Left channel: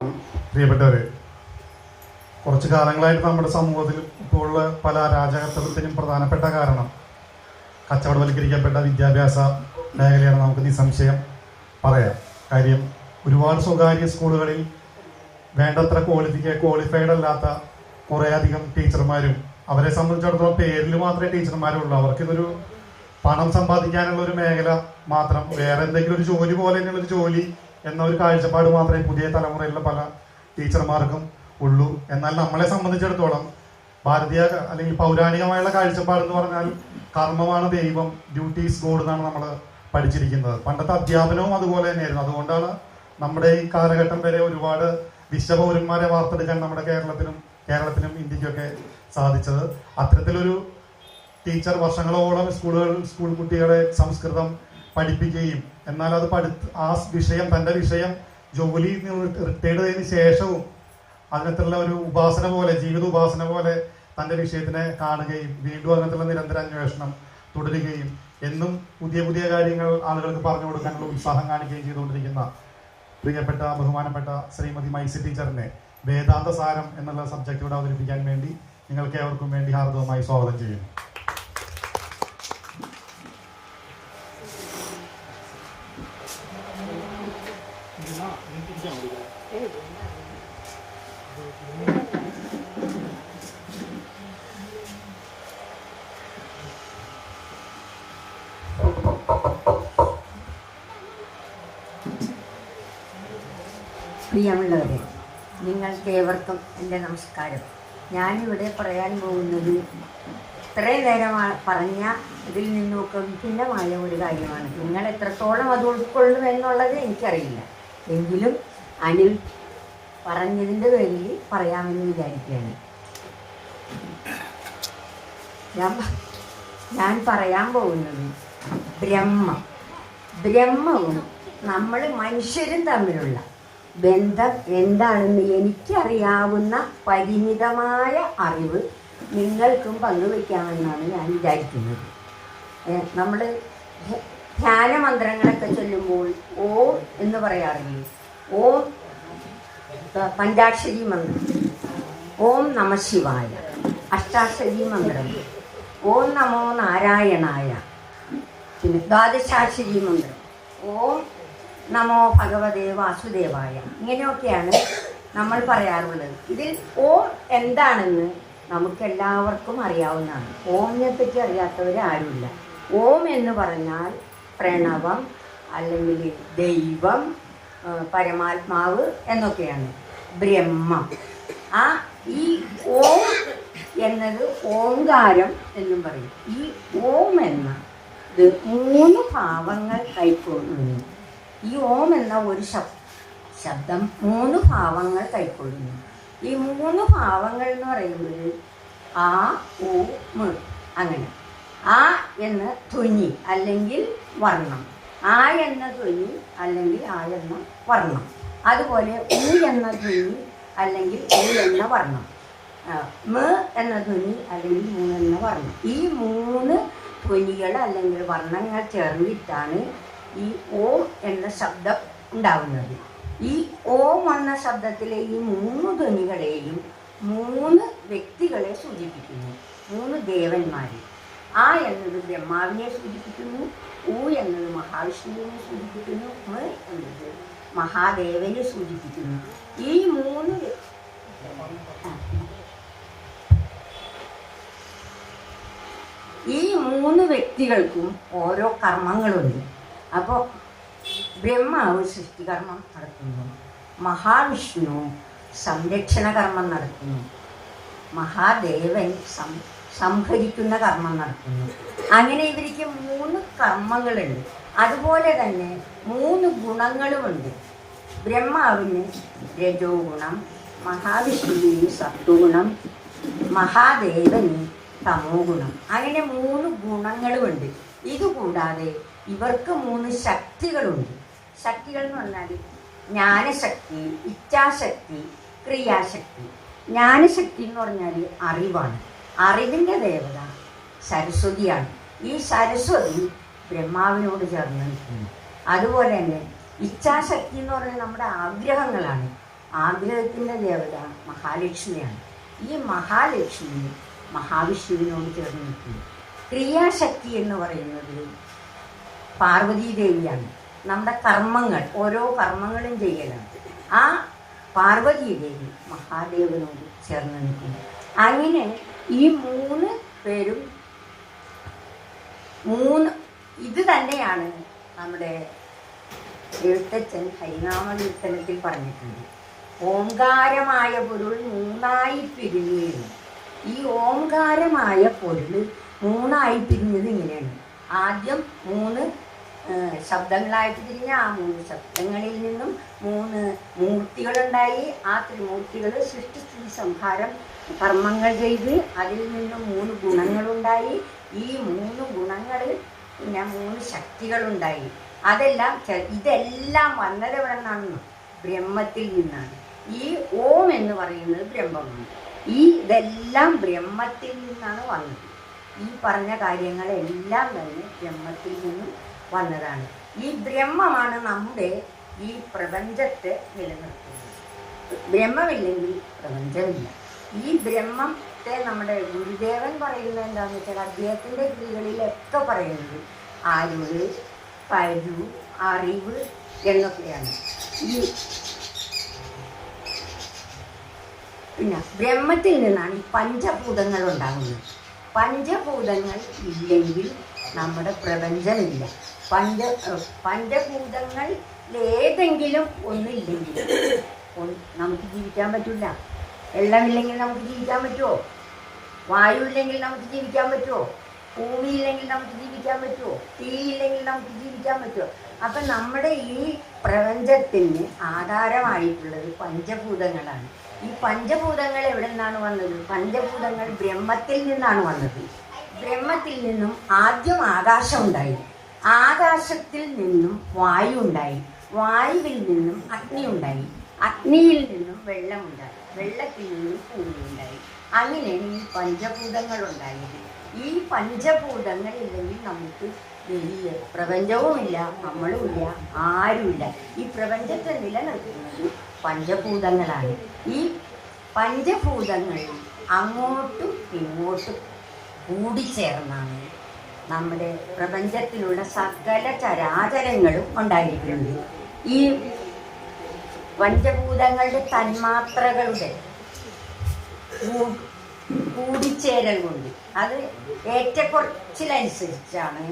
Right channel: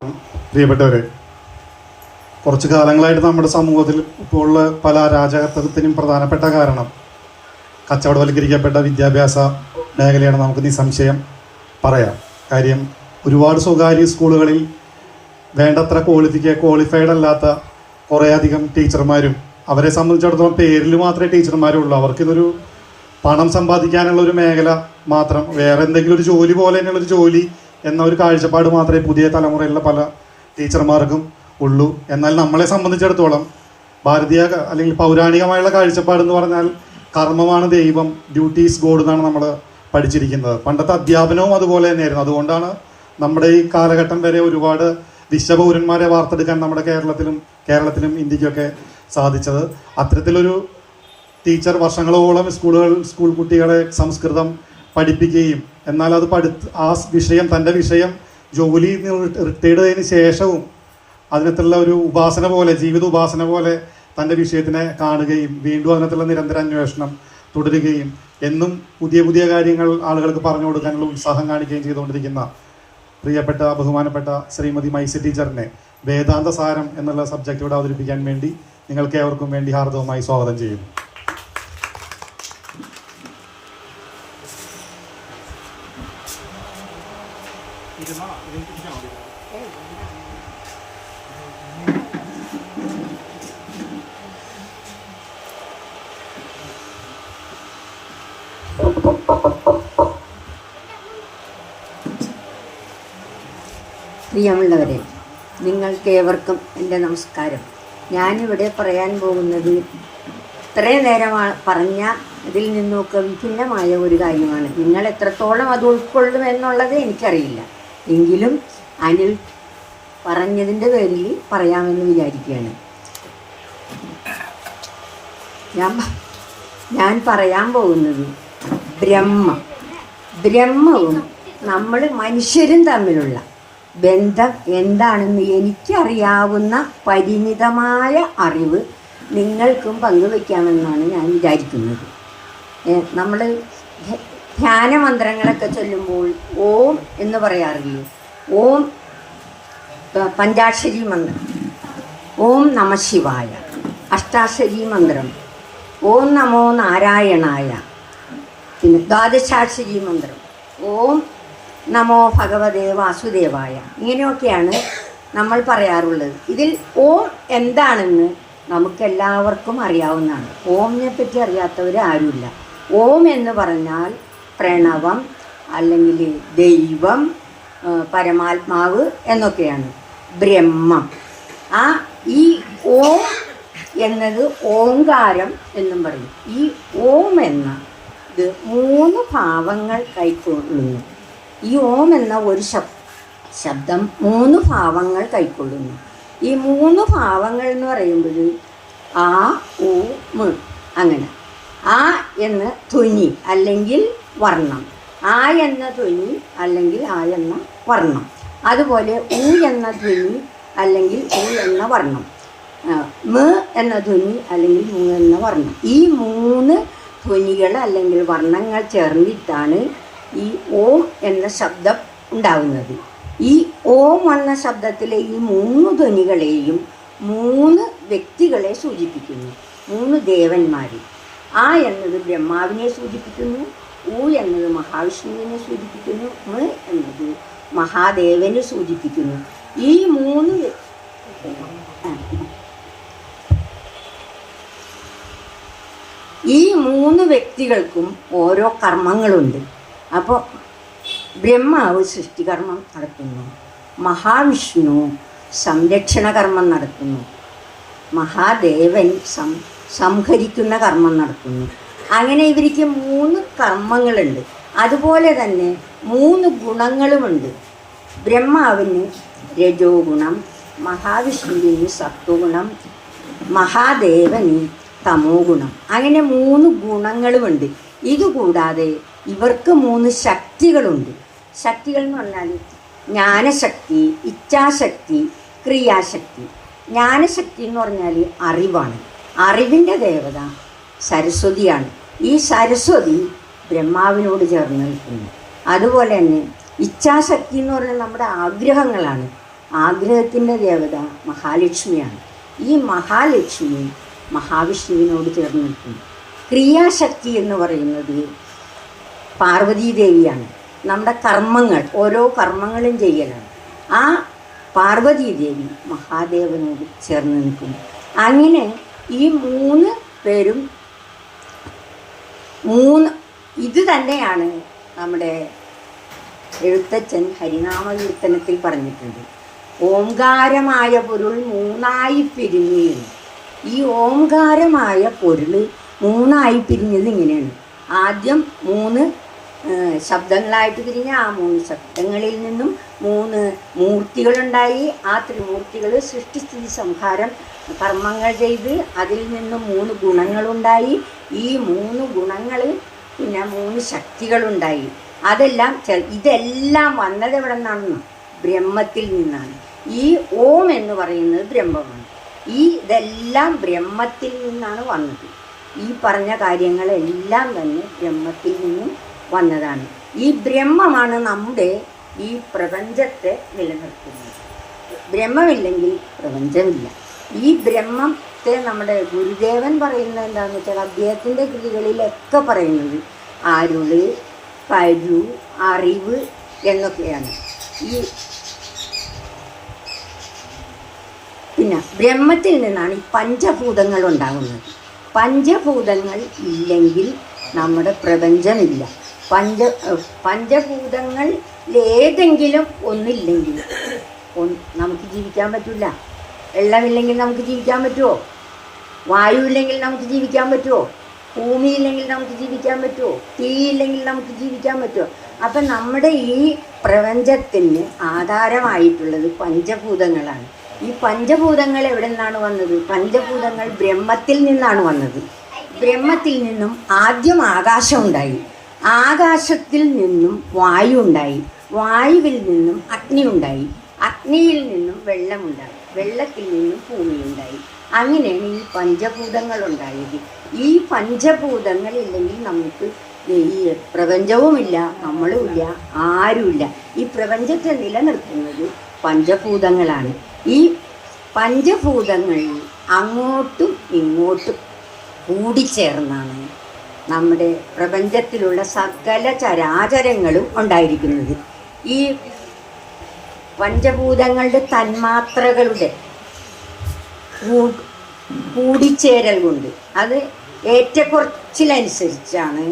പ്രിയപ്പെട്ടവരെ, കുറച്ചു കാലങ്ങളായിട്ട് നമ്മുടെ സമൂഹത്തിൽ ഇപ്പോൾ ഉള്ള പല അരാജകത്വത്തിനും പ്രധാനപ്പെട്ട കാരണം കച്ചവടവൽക്കരിക്കപ്പെട്ട വിദ്യാഭ്യാസ മേഖലയാണ്. നമുക്ക് നിസ്സംശയം പറയാം. കാര്യം ഒരുപാട് സ്വകാര്യ സ്കൂളുകളിൽ വേണ്ടത്ര ക്വാളിഫൈഡ് അല്ലാത്ത കുറേയധികം ടീച്ചർമാരും, അവരെ സംബന്ധിച്ചിടത്തോളം പേരിൽ മാത്രമേ ടീച്ചർമാരുള്ളൂ. അവർക്കിതൊരു പണം സമ്പാദിക്കാനുള്ള ഒരു മേഖല മാത്രം, വേറെ എന്തെങ്കിലും ഒരു ജോലി പോലെ തന്നെയുള്ളൊരു ജോലി എന്ന ഒരു കാഴ്ചപ്പാട് മാത്രമേ പുതിയ തലമുറയിലുള്ള പല ടീച്ചർമാർക്കും ഉള്ളൂ. എന്നാൽ നമ്മളെ സംബന്ധിച്ചിടത്തോളം ഭാരതീയ അല്ലെങ്കിൽ പൗരാണികമായുള്ള കാഴ്ചപ്പാട് എന്ന് പറഞ്ഞാൽ കർമ്മമാണ് ദൈവം, ഡ്യൂട്ടി ഈസ് ഗോഡ് എന്നാണ് നമ്മൾ പഠിച്ചിരിക്കുന്നത്. പണ്ടത്തെ അധ്യാപനവും അതുപോലെ തന്നെയായിരുന്നു. അതുകൊണ്ടാണ് നമ്മുടെ ഈ കാലഘട്ടം വരെ ഒരുപാട് വിശ്വപൗരന്മാരെ വാർത്തെടുക്കാൻ നമ്മുടെ കേരളത്തിലും ഇന്ത്യക്കൊക്കെ സാധിച്ചത്. അത്തരത്തിലൊരു ടീച്ചർ വർഷങ്ങളോളം സ്കൂൾ കുട്ടികളെ സംസ്കൃതം പഠിപ്പിക്കുകയും എന്നാൽ അത് ആ വിഷയം, തൻ്റെ വിഷയം ജോലി റിട്ടയർഡ് ചെയ്തതിന് ശേഷവും അതിനകത്തുള്ള ഒരു ഉപാസന പോലെ, ജീവിത ഉപാസന പോലെ തൻ്റെ വിഷയത്തിനെ കാണുകയും വീണ്ടും അതിനകത്തുള്ള നിരന്തര അന്വേഷണം തുടരുകയും എന്നും പുതിയ പുതിയ കാര്യങ്ങൾ ആളുകൾക്ക് പറഞ്ഞു കൊടുക്കാനുള്ള ഉത്സാഹം കാണിക്കുകയും ചെയ്തുകൊണ്ടിരിക്കുന്ന പ്രിയപ്പെട്ട ബഹുമാനപ്പെട്ട ശ്രീമതി മൈസ ടീച്ചറിനെ വേദാന്ത സാരം എന്നുള്ള സബ്ജക്റ്റോട് അവതരിപ്പിക്കാൻ വേണ്ടി നിങ്ങൾക്ക് ഏവർക്കും വേണ്ടി ഹാർദവമായി സ്വാഗതം ചെയ്യുന്നു. പ്രിയമുള്ളവരെ, നിങ്ങൾക്കേവർക്കും എൻ്റെ നമസ്കാരം. ഞാനിവിടെ പറയാൻ പോകുന്നത് ഇത്രയും നേരം പറഞ്ഞ ഇതിൽ നിന്നൊക്കെ വിഭിന്നമായ ഒരു കാര്യമാണ്. നിങ്ങൾ എത്രത്തോളം അത് ഉൾക്കൊള്ളും എന്നുള്ളത് എനിക്കറിയില്ല. എങ്കിലും അനിൽ പറഞ്ഞതിൻ്റെ പേരിൽ പറയാമെന്ന് വിചാരിക്കുകയാണ്. ഞാൻ പറയാൻ പോകുന്നത് ബ്രഹ്മവും നമ്മൾ മനുഷ്യരും തമ്മിലുള്ള ബന്ധം എന്താണെന്ന് എനിക്കറിയാവുന്ന പരിമിതമായ അറിവ് നിങ്ങൾക്കും പങ്കുവയ്ക്കാമെന്നാണ് ഞാൻ വിചാരിക്കുന്നത്. നമ്മൾ ധ്യാനമന്ത്രങ്ങളൊക്കെ ചൊല്ലുമ്പോൾ ഓം എന്ന് പറയാറില്ലേ? ഓം പഞ്ചാക്ഷരി മന്ത്രം, ഓം നമ ശിവായ, അഷ്ടാക്ഷരി മന്ത്രം, ഓം നമോ നാരായണായ, പിന്നെ ദ്വാദശാക്ഷരി മന്ത്രം, ഓം നമോ ഭഗവതേ വാസുദേവായ, ഇങ്ങനെയൊക്കെയാണ് നമ്മൾ പറയാറുള്ളത്. ഇതിൽ ഓം എന്താണെന്ന് നമുക്കെല്ലാവർക്കും അറിയാവുന്നതാണ്. ഓമിനെ പറ്റി അറിയാത്തവർ ആരുമില്ല. ഓം എന്ന് പറഞ്ഞാൽ പ്രണവം അല്ലെങ്കിൽ ദൈവം, പരമാത്മാവ് എന്നൊക്കെയാണ്. ബ്രഹ്മം, ഈ ഓം എന്നത് ഓങ്കാരം എന്നും പറയും. ഈ ഓം എന്ന ഇത് 3 ഭാവങ്ങൾ കൈക്കൊള്ളുന്നു. ഈ ഓം എന്ന ഒരു ശബ്ദം 3 ഭാവങ്ങൾ കൈക്കൊള്ളുന്നു. ഈ 3 ഭാവങ്ങൾ എന്ന് പറയുമ്പോൾ ആ, ഉ, മ്, അങ്ങനെ. ആ എന്ന ധ്വനി അല്ലെങ്കിൽ വർണ്ണം, ആ എന്ന ധ്വനി അല്ലെങ്കിൽ ആ എന്ന വർണ്ണം, അതുപോലെ ഉ എന്ന ധ്വനി അല്ലെങ്കിൽ ഉ എന്ന വർണ്ണം, മ എന്ന ധ്വനി അല്ലെങ്കിൽ മു എന്ന വർണ്ണം. ഈ 3 ധ്വനികൾ അല്ലെങ്കിൽ വർണ്ണങ്ങൾ ചേർന്നിട്ടാണ് ഈ ഓം എന്ന ശബ്ദം ഉണ്ടാകുന്നത്. ഈ ഓം എന്ന ശബ്ദത്തിലെ ഈ 3 ധ്വനികളെയും 3 വ്യക്തികളെ സൂചിപ്പിക്കുന്നു, 3 ദേവന്മാരെ. ആ എന്നത് ബ്രഹ്മാവിനെ സൂചിപ്പിക്കുന്നു, ഉ എന്നത് മഹാവിഷ്ണുവിനെ സൂചിപ്പിക്കുന്നു, മ എന്നത് മഹാദേവനെ സൂചിപ്പിക്കുന്നു. ഈ 3 വ്യക്തികൾക്കും ഓരോ കർമ്മങ്ങളുണ്ട്. അപ്പോൾ ബ്രഹ്മാവ് സൃഷ്ടികർമ്മം നടത്തുന്നു, മഹാവിഷ്ണു സംരക്ഷണ കർമ്മം നടത്തുന്നു, മഹാദേവൻ സംഹരിക്കുന്ന കർമ്മം നടത്തുന്നു. അങ്ങനെ ഇവർക്ക് 3 കർമ്മങ്ങളുണ്ട്. അതുപോലെ തന്നെ 3 ഗുണങ്ങളുമുണ്ട്. ബ്രഹ്മാവിന് രജോ ഗുണം, മഹാവിഷ്ണുവിന് സത്വഗുണം, മഹാദേവന് തമോ ഗുണം. അങ്ങനെ 3 ഗുണങ്ങളുമുണ്ട്. ഇതുകൂടാതെ ഇവർക്ക് 3 ശക്തികളുണ്ട്. ശക്തികൾ എന്ന് പറഞ്ഞാൽ ജ്ഞാനശക്തി, ഇച്ഛാശക്തി, ക്രിയാശക്തി. ജ്ഞാനശക്തി എന്ന് പറഞ്ഞാൽ അറിവാണ്. അറിവിൻ്റെ ദേവത സരസ്വതിയാണ്. ഈ സരസ്വതി ബ്രഹ്മാവിനോട് ചേർന്ന് നിൽക്കുന്നു. അതുപോലെ തന്നെ ഇച്ഛാശക്തി എന്ന് പറഞ്ഞാൽ നമ്മുടെ ആഗ്രഹങ്ങളാണ്. ആഗ്രഹത്തിൻ്റെ ദേവത മഹാലക്ഷ്മിയാണ്. ഈ മഹാലക്ഷ്മി മഹാവിഷ്ണുവിനോട് ചേർന്ന് നിൽക്കുന്നു. ക്രിയാശക്തി എന്ന് പറയുന്നത് പാർവതീദേവിയാണ്. നമ്മുടെ കർമ്മങ്ങൾ, ഓരോ കർമ്മങ്ങളും ചെയ്യലാണ്. ആ പാർവതീദേവി മഹാദേവനോട് ചേർന്ന് നിൽക്കുന്നു. അങ്ങനെ ഈ 3 പേരും ഇത് തന്നെയാണ് നമ്മുടെ എഴുത്തച്ഛൻ ഹരിനാമകീർത്തനത്തിൽ പറഞ്ഞിട്ടുണ്ട്. ഓംകാരമായ പൊരുൾ 3ആയി പിരിഞ്ഞ്. ഈ ഓംകാരമായ പൊരുൾ 3ആയി പിരിഞ്ഞത് ഇങ്ങനെയാണ്. ആദ്യം 3 ശബ്ദങ്ങളായിട്ട് പിരിഞ്ഞ ആ 3 ശബ്ദങ്ങളിൽ നിന്നും 3 മൂർത്തികളുണ്ടായി. ആ ത്രിമൂർത്തികൾ സൃഷ്ടിസ്ഥിതി സംഹാരം കർമ്മങ്ങൾ ചെയ്ത് അതിൽ നിന്നും 3 ഗുണങ്ങളുണ്ടായി. ഈ 3 ഗുണങ്ങൾ പിന്നെ 3 ശക്തികളുണ്ടായി. ഇതെല്ലാം വന്നത് എവിടെ നിന്നാണ്? ബ്രഹ്മത്തിൽ നിന്നാണ്. ഈ ഓം എന്ന് പറയുന്നത് ബ്രഹ്മമാണ്. ഇതെല്ലാം ബ്രഹ്മത്തിൽ നിന്നാണ് വന്നത്. ഈ പറഞ്ഞ കാര്യങ്ങളെല്ലാം തന്നെ ബ്രഹ്മത്തിൽ നിന്നും വന്നതാണ്. ഈ ബ്രഹ്മമാണ് നമ്മുടെ ഈ പ്രപഞ്ചത്തെ നിലനിർത്തുന്നത്. ബ്രഹ്മമില്ലെങ്കിൽ പ്രപഞ്ചമില്ല. ഈ ബ്രഹ്മത്തെ നമ്മുടെ ഗുരുദേവൻ പറയുന്നത് എന്താണെന്ന് വെച്ചാൽ അദ്ദേഹത്തിൻ്റെ കൃതികളിലൊക്കെ പറയുന്നത് അരുള്, കരു, അറിവ് എന്നൊക്കെയാണ്. പിന്നെ ബ്രഹ്മത്തിൽ നിന്നാണ് ഈ പഞ്ചഭൂതങ്ങൾ ഉണ്ടാകുന്നത്. പഞ്ചഭൂതങ്ങൾ ഇല്ലെങ്കിൽ നമ്മുടെ പ്രപഞ്ചമില്ല. പഞ്ചഭൂതങ്ങൾ ഏതെങ്കിലും ഒന്നില്ലെങ്കിൽ നമുക്ക് ജീവിക്കാൻ പറ്റില്ല. വെള്ളമില്ലെങ്കിൽ നമുക്ക് ജീവിക്കാൻ പറ്റുമോ? വായുവില്ലെങ്കിൽ നമുക്ക് ജീവിക്കാൻ പറ്റുമോ? ഭൂമിയില്ലെങ്കിൽ നമുക്ക് ജീവിക്കാൻ പറ്റുമോ? തീയില്ലെങ്കിൽ നമുക്ക് ജീവിക്കാൻ പറ്റുമോ? അപ്പം നമ്മുടെ ഈ പ്രപഞ്ചത്തിന് ആധാരമായിട്ടുള്ളത് പഞ്ചഭൂതങ്ങളാണ്. ഈ പഞ്ചഭൂതങ്ങൾ എവിടെ നിന്നാണ് വന്നത്? പഞ്ചഭൂതങ്ങൾ ബ്രഹ്മത്തിൽ നിന്നാണ് വന്നത്. ബ്രഹ്മത്തിൽ നിന്നും ആദ്യം ആകാശം ഉണ്ടായി. ആകാശത്തിൽ നിന്നും വായു ഉണ്ടായി. വായുവിൽ നിന്നും അഗ്നി ഉണ്ടായി. അഗ്നിയിൽ നിന്നും വെള്ളമുണ്ടായി. വെള്ളത്തിൽ നിന്നും ഭൂമി ഉണ്ടായി. അങ്ങനെയാണ് ഈ പഞ്ചഭൂതങ്ങൾ ഉണ്ടായത്. ഈ പഞ്ചഭൂതങ്ങൾ ഇല്ലെങ്കിൽ നമുക്ക് ഈ പ്രപഞ്ചവുമില്ല, നമ്മളുമില്ല, ആരുമില്ല. ഈ പ്രപഞ്ചത്തെ നിലനിർത്തുന്നത് പഞ്ചഭൂതങ്ങളാണ്. ഈ പഞ്ചഭൂതങ്ങൾ അങ്ങോട്ടും ഇങ്ങോട്ടും കൂടിച്ചേർന്നാണ് നമ്മുടെ പ്രപഞ്ചത്തിലുള്ള സകല ചരാചരങ്ങളും ഉണ്ടായിരിക്കുന്നത്. ഈ പഞ്ചഭൂതങ്ങളുടെ തന്മാത്രകളുടെ കൂടിച്ചേരൽ കൊണ്ട് അത് ഏറ്റക്കുറച്ചിലനുസരിച്ചാണ്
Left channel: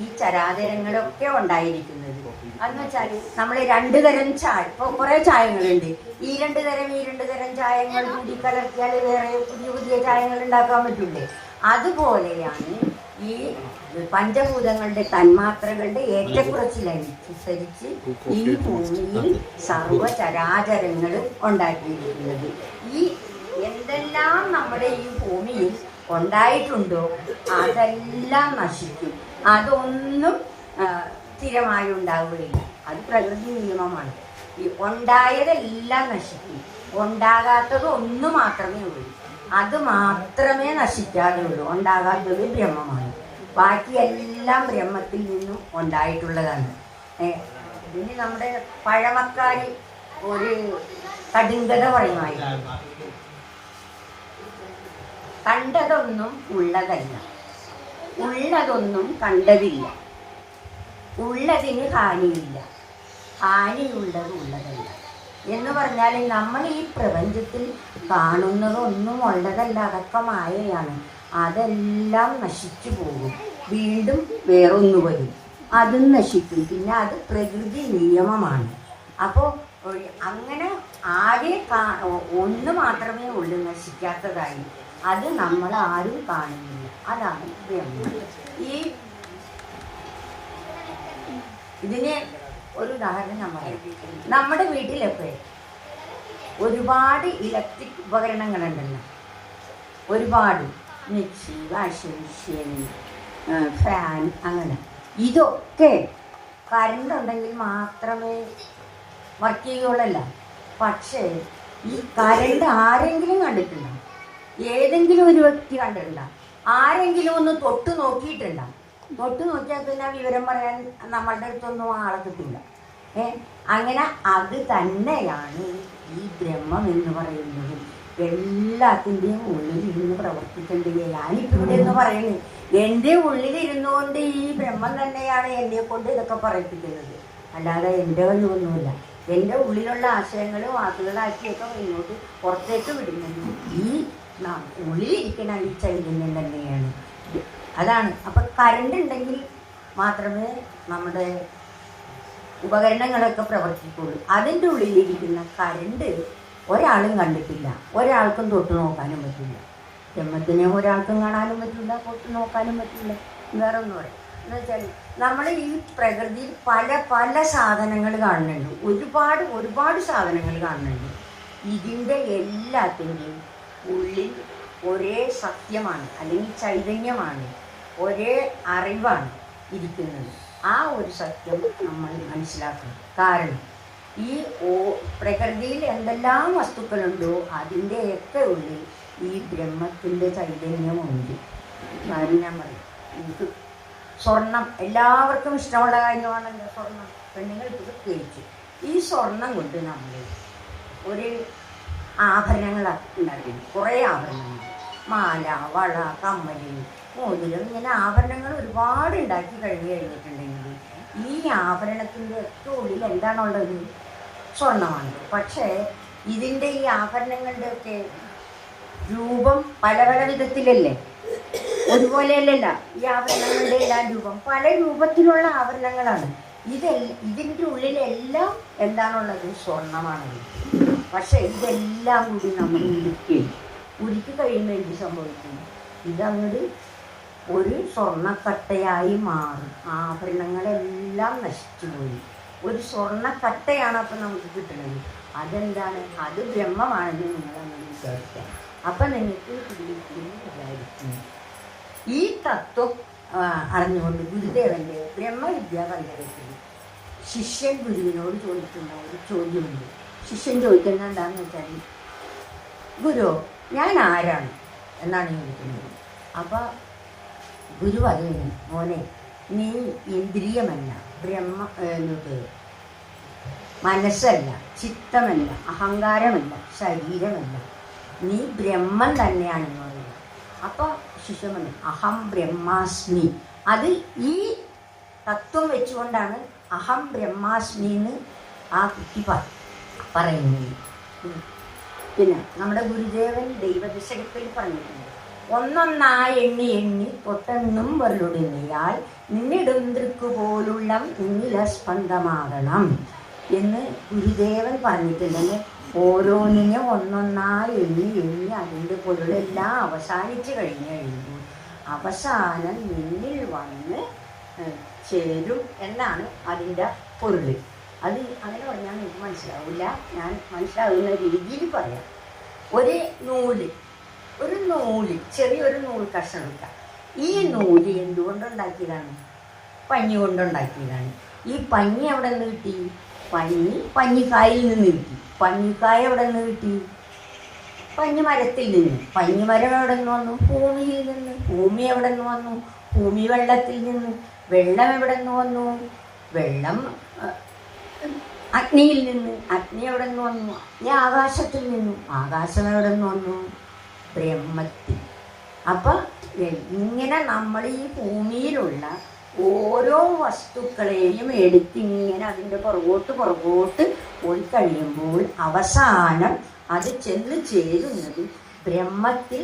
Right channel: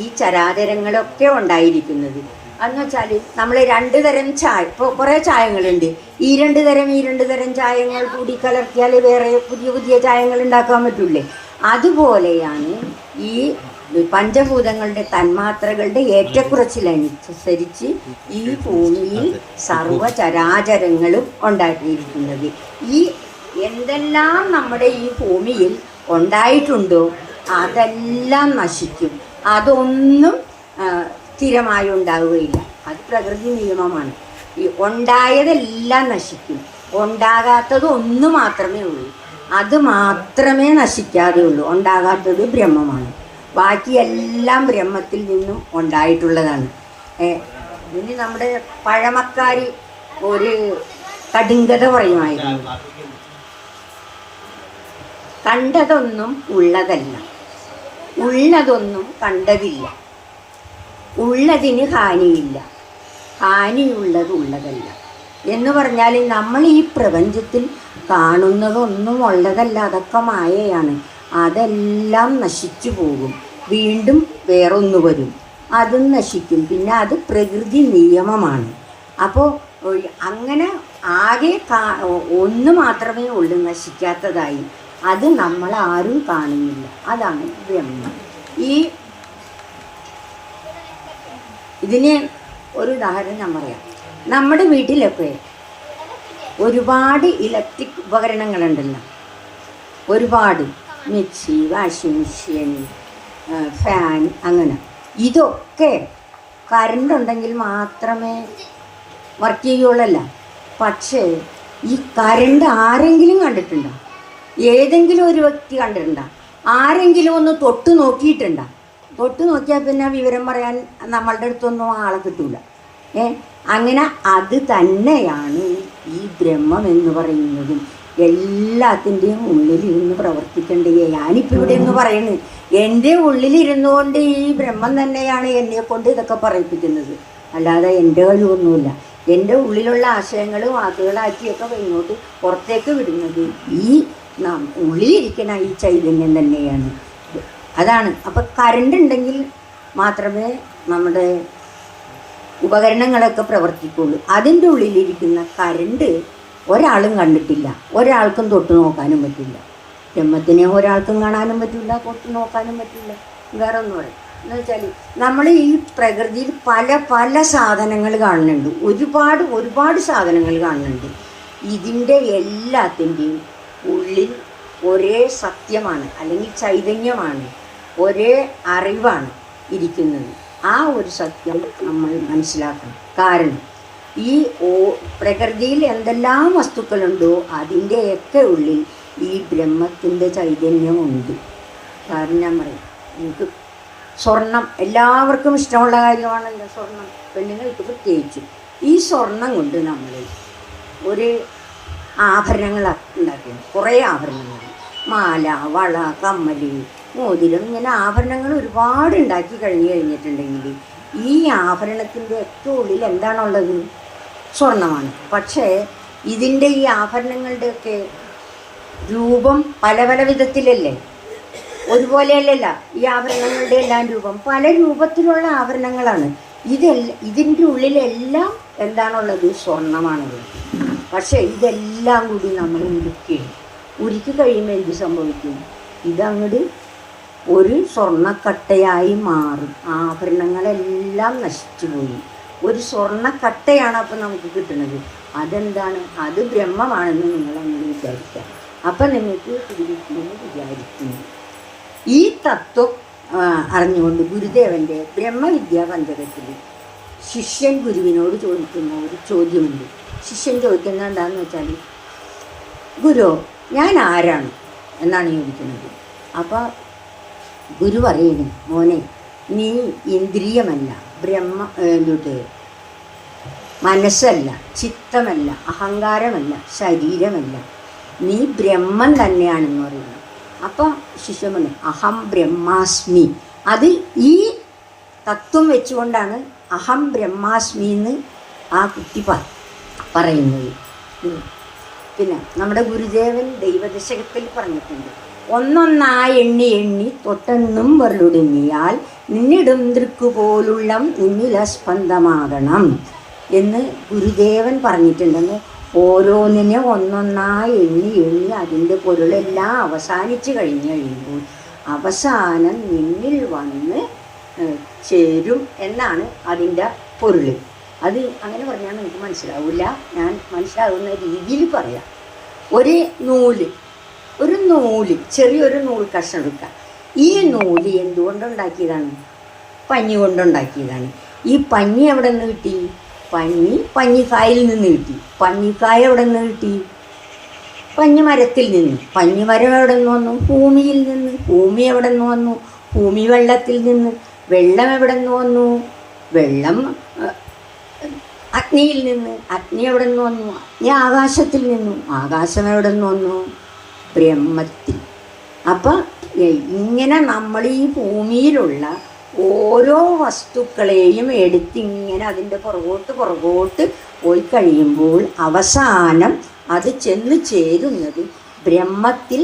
ഈ ചരാചരങ്ങളൊക്കെ ഉണ്ടായിരിക്കുന്നത്. എന്ന് വെച്ചാൽ നമ്മൾ 2 തരം ചായ, ഇപ്പോൾ കുറേ ചായങ്ങളുണ്ട്. ഈ 2 തരം ചായങ്ങൾ കൂടി കലർത്തിയാൽ വേറെ പുതിയ ചായങ്ങൾ ഉണ്ടാക്കാൻ പറ്റൂലേ? അതുപോലെയാണ് ഈ പഞ്ചഭൂതങ്ങളുടെ തന്മാത്രകളുടെ ഏറ്റക്കുറച്ചിലനുസരിച്ച് ഈ ഭൂമിയിൽ സർവചരാചരങ്ങളും ഉണ്ടാക്കിയിരിക്കുന്നത്. ഈ എന്തെല്ലാം നമ്മുടെ ഈ ഭൂമിയിൽ ഉണ്ടായിട്ടുണ്ടോ അതെല്ലാം നശിക്കും. അതൊന്നും സ്ഥിരമായി ഉണ്ടാവുകയില്ല. അത് പ്രകൃതി നിയമമാണ്. ഈ ഉണ്ടായതെല്ലാം നശിക്കും. ഉണ്ടാകാത്തത് ഒന്ന് മാത്രമേ ഉള്ളൂ. അത് മാത്രമേ നശിക്കാതെ ഉള്ളൂ. ഉണ്ടാകാത്തത് ബ്രഹ്മമാണ്. ബാക്കിയെല്ലാം ബ്രഹ്മത്തിൽ നിന്നും ഉണ്ടായിട്ടുള്ളതാണ്. ഇതിന് നമ്മുടെ പഴമക്കാർ ഒരു കടുങ്കഥ പറയുമായിരുന്നു. കണ്ടതൊന്നും ഉള്ളതല്ല, ഉള്ളതൊന്നും കണ്ടതില്ല, ഉള്ളതിന് ഹാനിയില്ല, ഹാനിയുള്ളത് ഉള്ളതല്ല എന്ന് പറഞ്ഞാൽ നമ്മൾ ഈ പ്രപഞ്ചത്തിൽ കാണുന്നതൊന്നും ഉള്ളതല്ല, അതൊക്കെ മായയാണ്. അതെല്ലാം നശിച്ചു പോകും. വീണ്ടും വേറൊന്നു വരും, അതും നശിക്കും. പിന്നെ അത് പ്രകൃതി നിയമമാണ്. അപ്പോൾ അങ്ങനെ ആകെ ഒന്ന് മാത്രമേ ഉള്ളൂ നശിക്കാത്തതായി. അത് നമ്മൾ ആരും കാണുന്നില്ല. അതാണ് ബ്രഹ്മം. ഇതിന് ഒരു ഉദാഹരണം ഞാൻ പറയാം. നമ്മുടെ വീട്ടിലൊക്കെ ഒരുപാട് ഇലക്ട്രിക് ഉപകരണങ്ങളുണ്ടല്ലോ. ഒരുപാട് മിക്സി, വാഷിംഗ് മെഷീൻ, ഫാൻ, അങ്ങനെ. ഇതൊക്കെ കറണ്ട് ഉണ്ടെങ്കിൽ മാത്രമേ വർക്ക് ചെയ്യുള്ളല്ല. പക്ഷേ ഈ കറണ്ട് ആരെങ്കിലും കണ്ടിട്ടുണ്ടോ? ഏതെങ്കിലും ഒരു വ്യക്തി കണ്ടിട്ടുണ്ടോ? ആരെങ്കിലും ഒന്ന് തൊട്ട് നോക്കിയിട്ടുണ്ടോ? തൊട്ട് നോക്കിയാൽ പിന്നെ വിവരം പറയാൻ നമ്മളുടെ അടുത്തൊന്നും ആളെ കിട്ടൂല. അങ്ങനെ അത് തന്നെയാണ് ഈ ബ്രഹ്മം എന്ന് പറയുന്നത്. എല്ലാത്തിൻ്റെയും ഉള്ളിലിരുന്ന് പ്രവർത്തിക്കേണ്ടേ. ഞാനിപ്പോൾ ഇവിടെ എന്ന് പറയുന്നത് എൻ്റെ ഉള്ളിലിരുന്നുകൊണ്ട് ഈ ബ്രഹ്മം തന്നെയാണ് എന്നെ കൊണ്ട് ഇതൊക്കെ പറയിപ്പിക്കുന്നത്. അല്ലാതെ എൻ്റെ കഴിവൊന്നുമില്ല. എൻ്റെ ഉള്ളിലുള്ള ആശയങ്ങൾ വാക്കുകളാക്കിയൊക്കെ ഇങ്ങോട്ട് പുറത്തേക്ക് വിടുന്നത് ഈ ഉള്ളിലിരിക്കുന്ന ഈ ചൈതന്യം തന്നെയാണ്. അതാണ്. അപ്പം കറണ്ട് ഉണ്ടെങ്കിൽ മാത്രമേ നമ്മുടെ ഉപകരണങ്ങളൊക്കെ പ്രവർത്തിക്കുള്ളൂ. അതിൻ്റെ ഉള്ളിലിരിക്കുന്ന കറണ്ട് ഒരാളും കണ്ടിട്ടില്ല, ഒരാൾക്കും തൊട്ട് നോക്കാനും പറ്റില്ല. ബ്രഹ്മത്തിനെ ഒരാൾക്കും കാണാനും പറ്റില്ല, തൊട്ട് നോക്കാനും പറ്റില്ല. വേറെ ഒന്നും പറയും എന്ന് വെച്ചാൽ നമ്മൾ ഈ പ്രകൃതിയിൽ പല പല സാധനങ്ങൾ കാണുന്നുണ്ട്, ഒരുപാട് സാധനങ്ങൾ കാണുന്നുണ്ട്. ഇതിൻ്റെ എല്ലാത്തിൻ്റെയും ഉള്ളിൽ ഒരേ സത്യമാണ്, അല്ലെങ്കിൽ ചൈതന്യമാണ്, ഒരേ അറിവാണ് ഇരിക്കുന്നത്. ആ ഒരു സത്യം നമ്മൾ മനസ്സിലാക്കണം. കാരണം ഈ പ്രകൃതിയിൽ എന്തെല്ലാം വസ്തുക്കളുണ്ടോ അതിൻ്റെയൊക്കെ ഉള്ളിൽ ഈ ബ്രഹ്മത്തിൻ്റെ ചൈതന്യമുണ്ട്. കാരണം ഞാൻ പറയും, എനിക്ക് സ്വർണം എല്ലാവർക്കും ഇഷ്ടമുള്ള കാര്യമാണല്ലോ സ്വർണം, പെണ്ണുങ്ങൾക്ക് പ്രത്യേകിച്ച്. ഈ സ്വർണം കൊണ്ട് നമ്മൾ ഒരു ആഭരണങ്ങൾ ഉണ്ടാക്കി, കുറേ ആഭരണങ്ങൾ, മാല, വള, കമ്മൽ, മോതിരം, ഇങ്ങനെ ആഭരണങ്ങൾ ഒരുപാട് ഉണ്ടാക്കി കഴിഞ്ഞിട്ടുണ്ടെങ്കിൽ ഈ ആഭരണത്തിൻ്റെ ഒക്കെ ഉള്ളിൽ എന്താണുള്ളത്? സ്വർണ്ണമാണ്. പക്ഷേ ഇതിൻ്റെ ഈ ആഭരണങ്ങളുടെയൊക്കെ രൂപം പല പല വിധത്തിലല്ലേ, ഒരുപോലെയല്ലല്ല. ഈ ആഭരണങ്ങളുടെ എല്ലാം രൂപം പല രൂപത്തിലുള്ള ആഭരണങ്ങളാണ്. ഇതിൻ്റെ ഉള്ളിലെല്ലാം എന്താണുള്ളത്? സ്വർണ്ണമാണത്. പക്ഷേ ഇതെല്ലാം കൂടി നമ്മൾ ഉരുക്കി കഴിയുമ്പോൾ എന്ത് സംഭവിക്കും? ഇതങ്ങോട്ട് ഒരു സ്വർണ്ണക്കട്ടയായി മാറും. ആഭരണങ്ങളെല്ലാം നശിച്ചുപോയി. ഒരു സ്വർണ്ണക്കട്ടയാണ് അപ്പം നമുക്ക് കിട്ടുന്നത്. അതെന്താണ്? അത് ബ്രഹ്മമാണെന്ന് നിങ്ങളങ്ങനെ വിചാരിക്കാം. അപ്പം നിങ്ങൾക്ക് പിടിക്കുമെന്ന് വിചാരിക്കുന്നു. ഈ തത്വം അറിഞ്ഞുകൊണ്ട് ഗുരുദേവൻ്റെ ബ്രഹ്മവിദ്യാ പഞ്ചകത്തിൽ ശിഷ്യൻ ഗുരുവിനോട് ചോദിക്കുന്ന ഒരു ചോദ്യമുണ്ട്. ശിഷ്യൻ ചോദിക്കുന്നത് എന്താണെന്ന് വെച്ചാൽ, ഗുരു, ഞാൻ ആരാണ് എന്നാണ് ചോദിക്കുന്നത്. അപ്പോൾ ഗുരു പറയുന്നു, മോനെ, നീ ഇന്ദ്രിയമല്ല, മനസ്സല്ല, ചിത്തമല്ല, അഹങ്കാരമല്ല, ശരീരമല്ല, നീ ബ്രഹ്മം തന്നെയാണെന്ന് പറയുന്നത്. അപ്പം ശിഷ്യൻ പറഞ്ഞു, അഹം ബ്രഹ്മാസ്മി. അത് ഈ തത്വം വെച്ചുകൊണ്ടാണ് അഹം ബ്രഹ്മാസ്മി എന്ന് ആ കുട്ടി പറയുന്നത്. പിന്നെ നമ്മുടെ ഗുരുദേവൻ ദൈവദശകത്തിൽ പറഞ്ഞിട്ടുണ്ട്, ഒന്നൊന്നായി എണ്ണി എണ്ണി തൊട്ടെന്നും വരലുടങ്ങിയാൽ നിന്നിടും ദൃക്കുപോലുള്ള നിന്നില സ്പന്ദമാകണം എന്ന് ഗുരുദേവൻ പറഞ്ഞിട്ടുണ്ടെങ്കിൽ ഓരോന്നിനെ ഒന്നൊന്നായി എണ്ണി എണ്ണി അതിൻ്റെ പൊരുളെല്ലാം അവസാനിച്ച് കഴിയുമ്പോൾ അവസാനം നിന്നിൽ വന്ന് ചേരും എന്നാണ് അതിൻ്റെ പൊരുൾ. അത് അങ്ങനെ പറഞ്ഞാൽ എനിക്ക് മനസ്സിലാവില്ല, ഞാൻ മനസ്സിലാവുന്ന രീതിയിൽ പറയാം. ഒരു നൂല് ചെറിയൊരു നൂൽ കഷ്ണം എടുക്കുക. ഈ നൂല് എന്തുകൊണ്ടുണ്ടാക്കിയതാണ്? പഞ്ഞി കൊണ്ടുണ്ടാക്കിയതാണ്. ഈ പഞ്ഞി എവിടെ നിന്ന് കിട്ടി? പഞ്ഞിക്കായിൽ നിന്ന് കിട്ടി. പഞ്ഞിക്കായ എവിടെ നിന്ന് കിട്ടി? പഞ്ഞി മരത്തിൽ നിന്ന്. പഞ്ഞി മരം എവിടെ നിന്ന് വന്നു? ഭൂമിയിൽ നിന്ന്. ഭൂമി എവിടെ നിന്ന് വന്നു? ഭൂമി വെള്ളത്തിൽ നിന്ന്. വെള്ളം എവിടെ നിന്ന് വന്നു? വെള്ളം അഗ്നിയിൽ നിന്ന്. അഗ്നി എവിടെ നിന്ന് വന്നു? അഗ്നി ആകാശത്തിൽ നിന്നും. ആകാശം എവിടെ നിന്ന് വന്നു? ബ്രഹ്മത്തിൽ. അപ്പം ഇങ്ങനെ നമ്മൾ ഈ ഭൂമിയിലുള്ള ഓരോ വസ്തുക്കളെയും എടുത്തിങ്ങനെ അതിൻ്റെ പുറകോട്ട് പോയി കഴിയുമ്പോൾ അവസാനം അത് ചെന്ന് ചേരുന്നത് ബ്രഹ്മത്തിൽ